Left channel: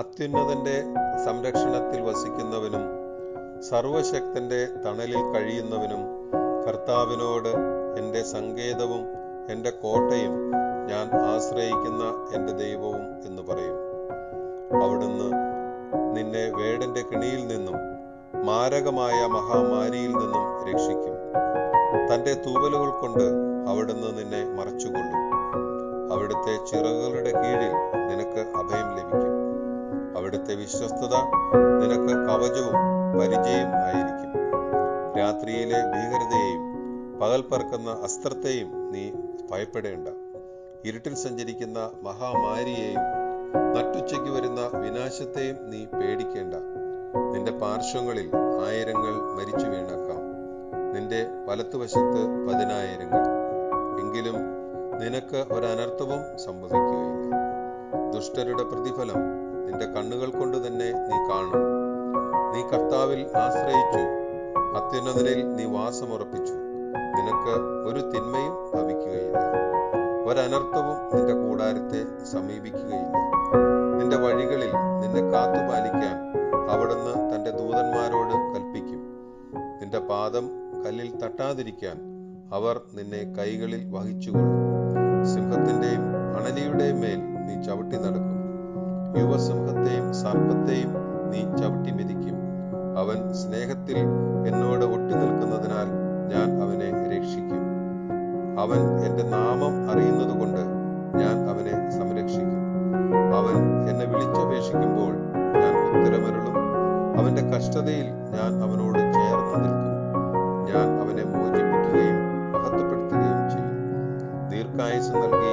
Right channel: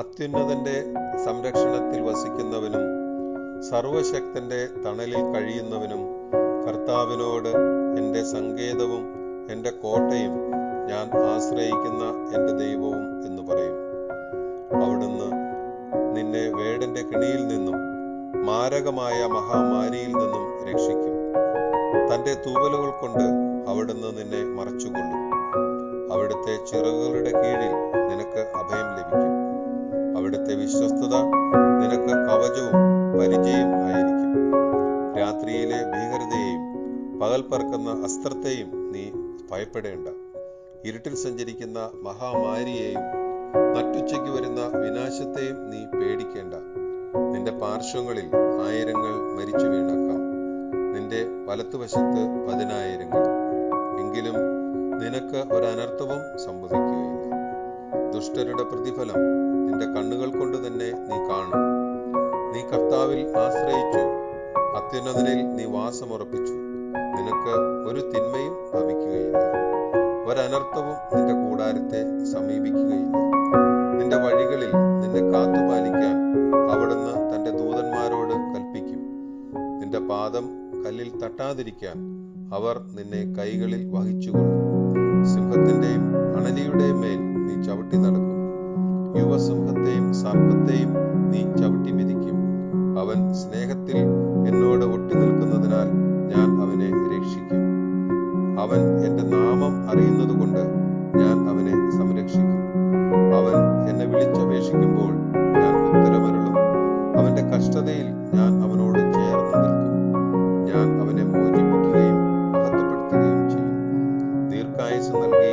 അത്യുന്നതന്റെ സംരക്ഷണത്തിൽ വസിക്കുന്നവനും സർവശക്തന്റെ തണലിൽ കഴിയുന്നവനും കർത്താവിനോട്, എൻ്റെ സങ്കേതവും എൻ്റെ കോട്ടയും, ഞാൻ ആശ്രയിക്കുന്ന എൻ്റെ ദൈവവും എന്ന് പറയും. അവിടുന്ന് നിന്നെ വേടന്റെ കെണിയിൽ നിന്നും മാരകമായ മഹാമാരിയിൽ നിന്നും രക്ഷിക്കും. തൻ്റെ തൂവലുകൾ കൊണ്ട് അവിടുന്ന് നിന്നെ മറച്ചുകൊള്ളും. അവിടുത്തെ ചിറകുകളുടെ കീഴിൽ നിനക്ക് അഭയം ലഭിക്കും. അവിടുത്തെ വിശ്വസ്തത നിനക്ക് കവചവും പരിചയം ആയിരിക്കും. രാത്രിയിലെ ഭീകരതയെയും പകൽ പറക്കുന്ന അസ്ത്രത്തെയും നീ ഭയപ്പെടേണ്ട. ഇരുട്ടിൽ സഞ്ചരിക്കുന്ന മഹാമാരിയെയും നട്ടുച്ചയ്ക്ക് വരുന്ന വിനാശത്തെയും നീ പേടിക്കേണ്ട. നിന്റെ പാർശ്വങ്ങളിൽ 1000 മരിച്ചു വീണേക്കാം, നിന്റെ വലത്തുവശത്ത് 10,000. എങ്കിലും നിനക്ക് ഒരനർത്ഥവും സംഭവിക്കുകയില്ല. ദുഷ്ടരുടെ പ്രതിഫലം നിന്റെ കണ്ണുകൾ കൊണ്ട് തന്നെ നീ കാണും. നീ കർത്താവിൽ ആശ്രയിച്ചു, അത്യുന്നതനിൽ നീ വാസമുറപ്പിച്ചു. നിനക്ക് ഒരു തിന്മയും ഭവിക്കുകയില്ല, ഒരനർത്ഥവും നിന്റെ കൂടാരത്തെ സമീപിക്കുകയില്ല. നിന്റെ വഴികളിൽ നിന്നെ കാത്തുപാലിക്കാൻ അവിടുന്ന് തന്റെ ദൂതന്മാരോട് കൽപ്പിക്കും. നിന്റെ പാദം കല്ലിൽ തട്ടാതിരിക്കാൻ അവർ നിന്നെ കൈകളിൽ വഹിച്ചുകൊള്ളും. സിംഹത്തിന്റെയും അണലിയുടെയും മേൽ നീ ചവിട്ടി നടക്കും. യുവസിംഹത്തെയും സർപ്പത്തെയും നീ ചവിട്ടി മെതിക്കും. അവൻ സ്നേഹത്തിൽ എന്നോട് ഒട്ടി നിൽക്കുന്നതിനാൽ ഞാൻ അവനെ രക്ഷിക്കും. അവൻ എൻ്റെ നാമം അറിയുന്നതുകൊണ്ട് ഞാൻ അവനെ സംരക്ഷിക്കും. അവൻ എന്നെ വിളിച്ചപേക്ഷിക്കുമ്പോൾ ഞാൻ ഉത്തരമരുളും. അവന്റെ കഷ്ടതയിൽ ഞാൻ അവനോട് ചേർന്ന് നിൽക്കും. ഞാൻ അവനെ മോചിപ്പിക്കുകയും മഹത്വപ്പെടുത്തുകയും ചെയ്യും. ദീർഘായുസ്സ് നൽകി